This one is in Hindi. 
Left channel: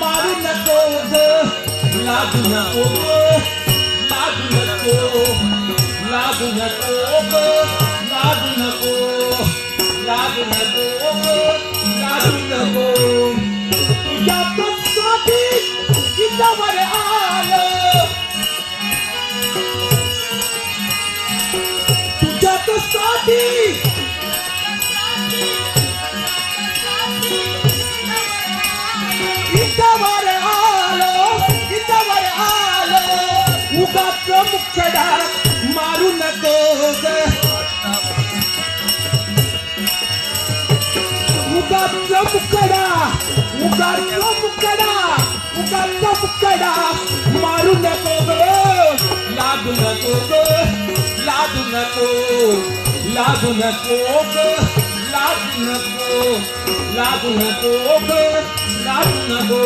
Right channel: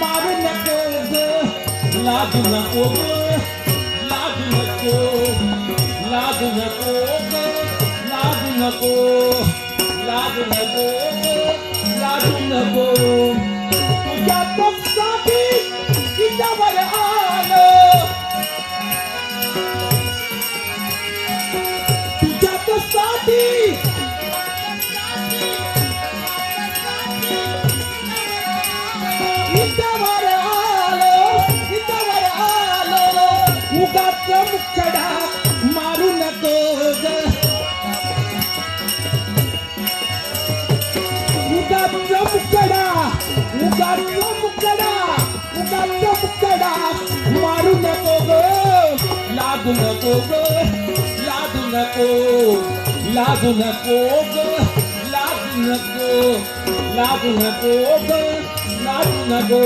ਮਾਰੇ ਨਾ ਕੋਲ ਲਾਗ ਨਾ ਉਹ ਲਾਗ ਨਾ ਕੋ ਲਾਗ उगाच मुखडा मारू नको ग उगाच मुखडा उगाच मुखडा उगाच मुखडा मारू नको ग लागू नको ग लागू नको लागू नको ग लागू नको लागू नको ग लागू नको